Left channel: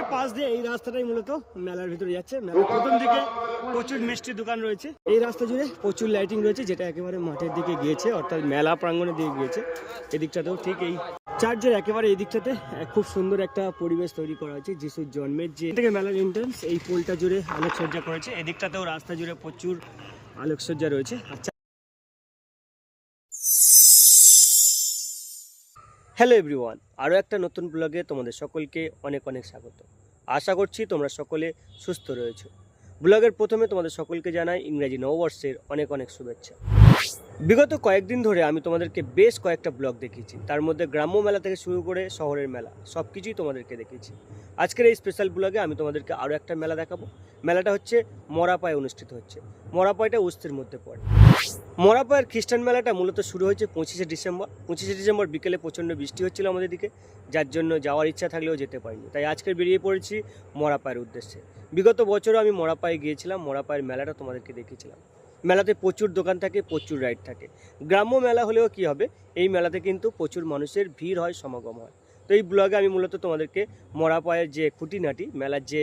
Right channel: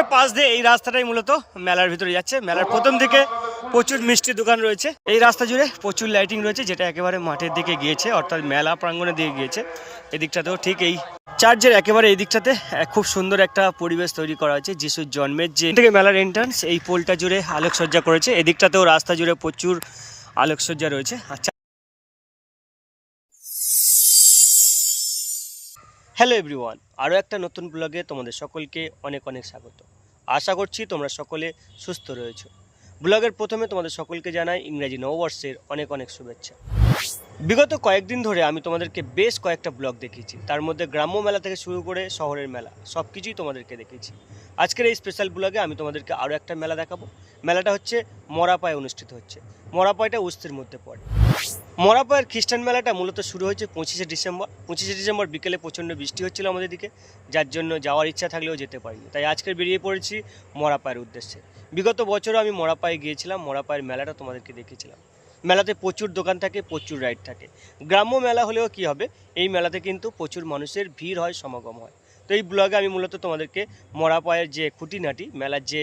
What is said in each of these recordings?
একেবারে পাশ দিয়ে এই রাস্তাটাই মূলত মেলার ভিতরে যাচ্ছে। মেলার প্রথম দিকে প্রচুর মিষ্টি দোকান রয়েছে। এই রাস্তা জুড়ে প্রচুর লাইটিং রয়েছে, যেটা একেবারে মাঠের দিকে গিয়েছে, অর্থাৎ মেলা প্রাঙ্গণের দিকে গিয়েছে। এদিকটাতেও ঠিক এই চার্চের একেবারে এই দিকটাতে খুব সুন্দর একটা পরিবেশ তৈরি করা হয়েছে যিশুর জন্মের যে থেকে মেলার এন্ট্রান্স এই পোলটা জুড়ে আলোকসজ্জা করেছে। এদিকটাতেও রাস্তা জুড়ে প্রচুর আলোকসজ্জা রয়েছে। আচ্ছা হ্যালো এভরিওয়ান, আরও একটা নতুন ব্লগে তোমাদের সকলকে অনেক অনেক স্বাগত। আশা করছি তোমরা সকলে সুস্থ রয়েছো। ব্লগের প্রথমে তোমাদের সকলকে জানাই ইংরেজি নববর্ষের অনেক অনেক শুভেচ্ছা। বিগত কয়েকদিন ধরে আমি তোমাদেরকে বেশ কয়েকটা ব্লগ দেখিয়েছি। তার মধ্যে গ্রাম্য মেলা থেকে শুরু করে শহরের মেলা সব কিছুই তোমাদেরকে দেখিয়েছি। আজকের এই স্পেশাল ব্লগে আমি তোমাদেরকে আরও একটা মেলা দেখাবো। মেলাটা হচ্ছে মরাপায় অনুষ্ঠিত হচ্ছে। মরাপায়টা উস্তির মধ্যে পড়ে। মরাপায়ের খ্রিস্টান মেলাটা মূলত শুরু হয়েছে পঁচিশে ডিসেম্বর। পঁচিশে ডিসেম্বর বিকেলে প্রচণ্ড বৃষ্টি হচ্ছিল আমাদের দিকে, যার জন্য যাওয়ার ইচ্ছা থাকলেও যেতে পারিনি। তাই আজকে বেরিয়ে পড়েছি মরাপায়ের উদ্দেশ্যে। বিগত বছরও আমি মরাপায়ে গিয়েছিলাম মরাপায়ের মেলাটা তোমাদেরকে দেখেছিলাম মেলাতে প্রচুর দোকান থাকে, প্রচুর রাইড থাকে। গ্রাম্য মেলা হলেও কি হবে, এই মেলাতে কিন্তু প্রচুর মানুষের ভিড় হয়, সমাগম হয়। তো এই ব্লগে আমি মূলত তোমাদেরকে মরাপায়ের যে খুঁটিনাটি, মেলার যে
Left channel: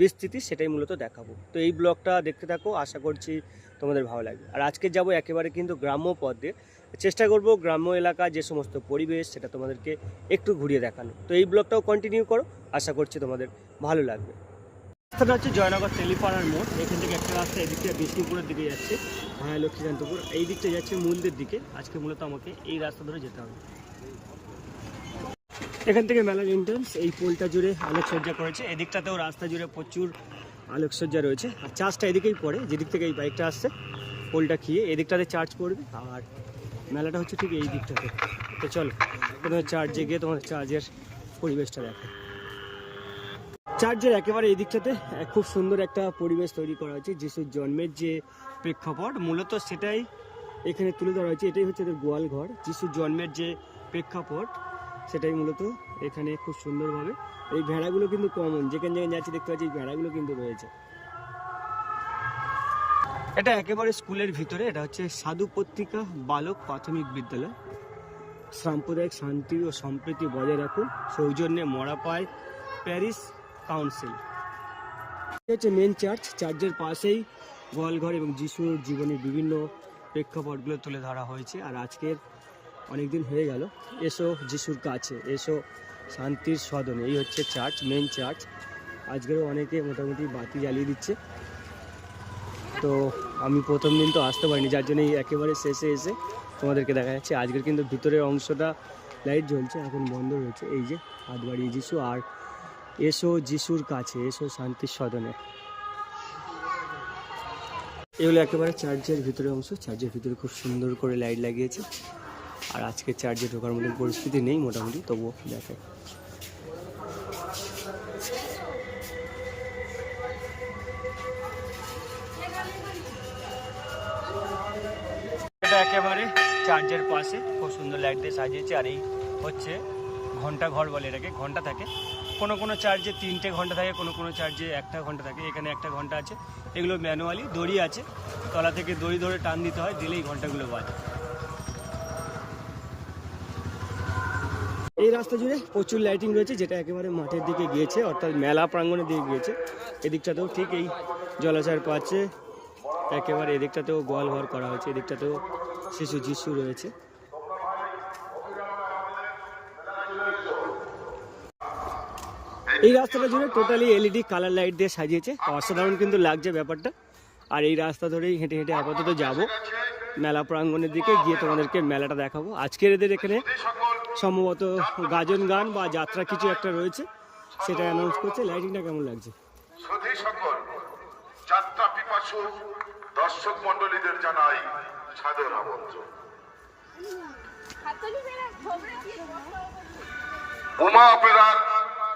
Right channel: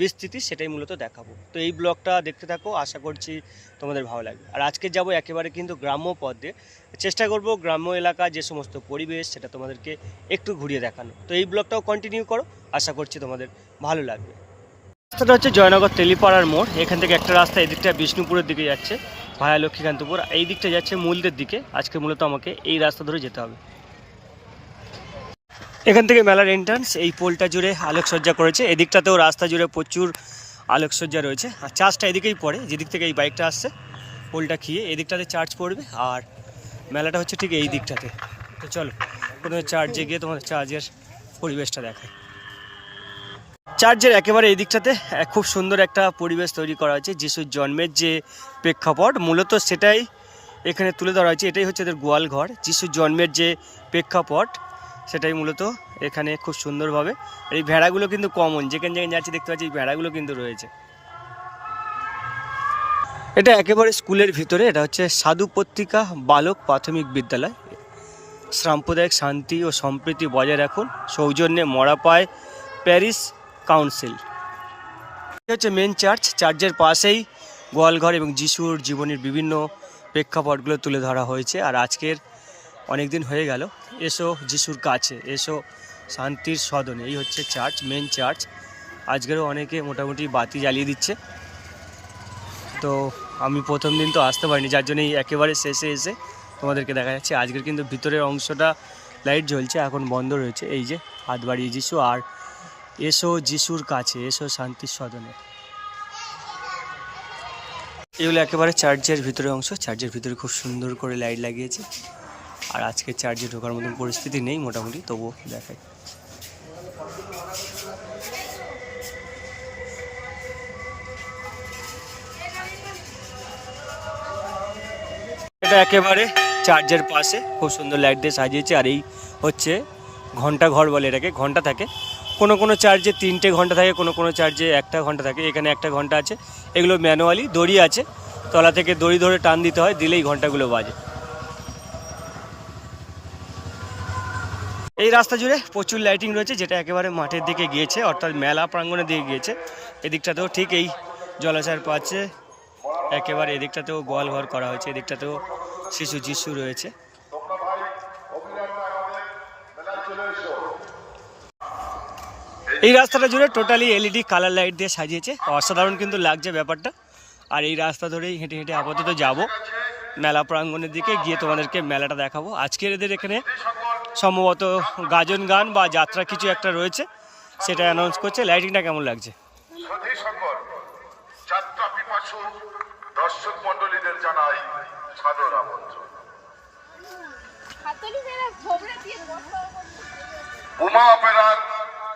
বিস্তৃতি সেটাই মূলত দেখাবো। তো এই ব্লগটা দেখতে থাকো, আশা করছি তোমাদের ভালো লাগবে। আর আজকে যাব একেবারে কিন্তু গ্রাম্য পথ দিয়ে চেষ্টা করব গ্রাম্য এলাকা যে সমস্ত পরিবেশ সেটা তোমাদেরকে একটু ঘুরিয়ে দেখানো তো এই ব্লগটাও কন্টিনিউ করো, আশা করছি তোমাদের ভালো লাগবে। রাস্তাটা হচ্ছে জয়নগর তেলিপাড়ার মোড়। এখান থেকে একটা রাস্তা এই দিকটা বিষ্ণুপুরের দিকে যাচ্ছে, ভায়া লক্ষ্মীকান্তপুর। এই দিকটা যাচ্ছে মূলদের দিকে। আজকে মূলত আমাকে এই রাস্তা ধরে যেতে হবে। এখান থেকে মেলার এন্ট্রান্স এই পোলটা জুড়ে আলোকসজ্জা করেছে। এদিকটাতেও রাস্তা জুড়ে প্রচুর আলোকসজ্জা রয়েছে। আর চার্জটা এদিকেই পড়ে, যেদিক থেকে এই বাইকটা আসছে, পোলটা খেয়ে এদিকটাতে চার্জ পড়বে। আর মেলাটা হচ্ছে ঠিক এই দিকটাতে। তো চলো, প্রথমে চার্জে গিয়ে তোমাদের চার্জের পরিবেশটা দেখায় চার্চের একেবারে এই দিকটাতে খুব সুন্দর একটা পরিবেশ তৈরি করা হয়েছে। যিশুর জন্মের যে প্রেক্ষাপট, মূলত সেটাই এখানে তুলে ধরা হয়েছে। এটাই হচ্ছে এদের গোয়াল ঘর। যিশুর জন্মের যে প্রেক্ষাপট সেটাই মূলত এখানে খুব সুন্দরভাবে। এই ভেড়াগুলো কিন্তু কমন যেখানে যেখানে যাচ্ছি দেখতে পাচ্ছি এই ভেড়াগুলো কিন্তু রয়েছে। এটা একেবারে স্কুলের ভিতরে, এটা হচ্ছে সাধু পত্রিকা বালক প্রাথমিক বিদ্যালয়। সাম্প্রদায়িক শান্তি ও সম্প্রীতি বজায় রাখুন, সৌজন্যে মরাপায় প্যারিস কাউন্সিল। এটা হচ্ছে মেন চার্চ চার্চের পাশেই গোয়ালঘর এবং যিশুর জীবনের বিভিন্ন প্রেক্ষাপটগুলো তুলে ধরা হয়েছে। আর আজকের অনেক দিন হয়ে গেল। এসো যিশুর কাছে, এসো শান্তির সদনে। এই হচ্ছে চার্চ মেন চার্চ আজকেরও অনেকে মোটামুটি বাতি জ্বালিয়ে দিচ্ছে। তো আমি প্রথম দিন তো আসতে পারিনি, যার জন্য এই একেবারে শেষে এসে তোমাদেরকে দেখা যাচ্ছে। আজকের কিন্তু ভিতরের অংশটা লাইট জ্বলছে, এখন বন্ধ রয়েছে। এই যে হাত বাড়িয়ে যিশু আর এসো যিশুর কাছে, এসো শান্তির সদনে। এগুলো একেবারে চার্চের ভিতরের অংশ। চার্চের ভিতরে খুব সুন্দর করে লাইট লাগিয়েছে। আর আজকে চার্জে ঢোকার মতন পরিস্থিতি নেই মোটামুটি, তবুও দেখায় এটা একেবারে চার্জের পাশে, খুব সুন্দর লাইট দিয়ে সাজিয়েছে আর এই হচ্ছে ঘণ্টা ঘর বলে এটাকে, ঘণ্টা থাকে। কোনো কোনো চার্জে তিনটে ঘণ্টা থাকে, কোনো কোনো চার্জে একটা ঘণ্টা থাকে, এখানে একটা ঘণ্টা আছে। এগুলো ম্যানুয়ালি দড়ি আছে, তলা থেকে দড়ি ধরে টান দিতে হয়, দিলেই ঘন্টাগুলো বাজে। এই রাস্তা জুড়ে প্রচুর লাইটিং রয়েছে, যেটা একেবারে মাঠের দিকে গিয়েছে, অর্থাৎ মেলা প্রাঙ্গণের দিকে গিয়েছে। এদিকটাতেও ঠিক এই জলাশয়ের পাচ্ছে একেবারে এদিকটাতেও গোয়াল ঘর করা হয়েছে, এদিকটাতেও শিশু যিশু রয়েছে। এই রাস্তাটা জুড়ে টোটালি এলইডি কালার লাইট দিয়ে সাজিয়েছে, অসাধারণ কিন্তু লাগছে ব্যাপারটা। আর এই রাস্তা ধরেই হেঁটে হেঁটে আপাতত যাব, মেলা প্রাঙ্গণের দিকে গিয়ে তোমাদেরকে মেলাটা দেখাবো। আজকের এদের এখানে সম্ভবত গাজন গান বা যাত্রা কিছু একটা রয়েছে সেটা অ্যানাউন্স করছে। লাইটিংটা কেমন লাগছে? যাত্রা পিপাসু দর্শক মন্ডলীদের জানাই সাদর আমন্ত্রণ। উমা অপেরার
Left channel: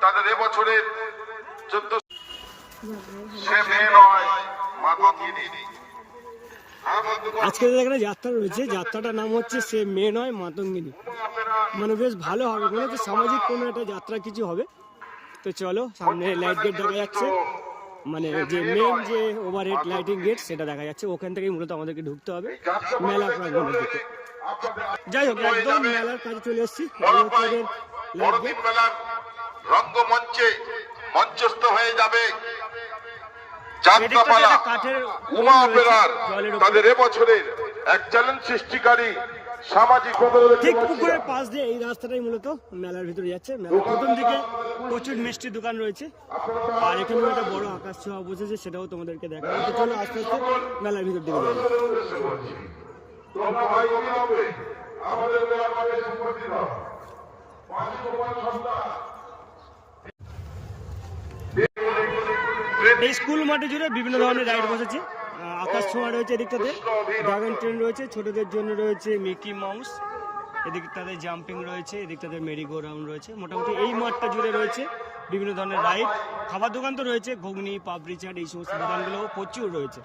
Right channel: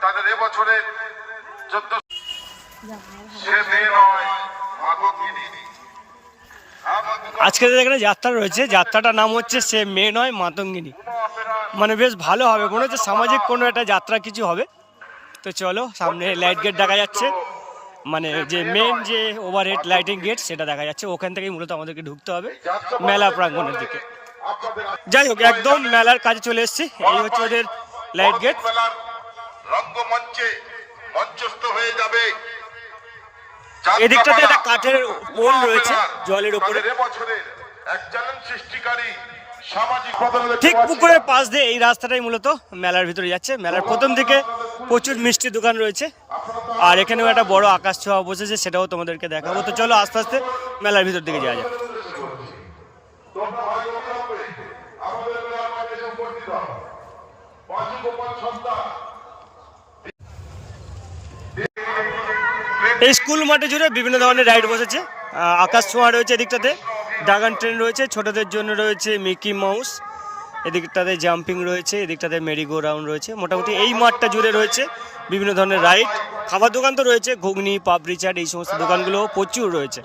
তাদের এবছরের চোদ্দ সে মেয়ে নয় মাতঙ্গিনী। আজকে এখানে যাত্রা রয়েছে। যাত্রাটার নাম হচ্ছে সে মেয়ে নয়, মাতঙ্গিনী। মানে বেশ ভালো হবে। মনে হচ্ছে সামাজিক কোনো একটা যাত্রা কিছু হবে। তো চলো, সামনে লাইট গেট দেখা যাচ্ছে। মানে যে মেন যে ওভারহেড লাইটিং গেট সেটা দেখা যাচ্ছে। ওখান থেকেই মূলত আমাদেরকে ঢুকতে হবে মেলা প্রাঙ্গণের দিকে। যাই হোক, একদম মেলার কাছে চলে এসেছি। এই হচ্ছে ওদের লাইট গেট রঙ্গমঞ্চে মঞ্চস্থ হয়ে যাবে। এদিকটাতে একটা কাঠের পোল রয়েছে জলের উপরে। তাদের এবছরের এক চ্যালেঞ্জ সৃষ্টিকারী ঠিক পুকুরের পাশ দিয়ে এই রাস্তাটাই মূলত মেলার ভিতরে যাচ্ছে। মেলার প্রথম দিকে প্রচুর মিষ্টি দোকান রয়েছে। আর এখানেও একটা বড় আকাশ ছোঁয়া বসেছে সেটাও তোমাদেরকে দেখাবো। তো চলো আস্তে আস্তে মেলার ভিতর দিকে যাওয়া যাক? আমাদের এই স্কুল মাঠে জুড়ে বিভিন্ন ধরনের রাইড বসেছে। আকাশ ছোঁয়া রয়েছে এদিকটাতে ড্রাগন ট্রেন রয়েছে, ছোটদের জন্য রয়েছে মিকি মাউস, এদিকটাতে জাম্পিং রয়েছে, এদিকটাতে মেরিগো রাউন্ড রয়েছে। মোটামুটি এই মাঠটা জুড়ে রয়েছে বিভিন্ন ধরনের রাইড। খাবার দোকান তো রয়েছে, ঘুগনি, পাপড়ি চাট, এই সমস্ত দোকানগুলো প্রচুর রয়েছে।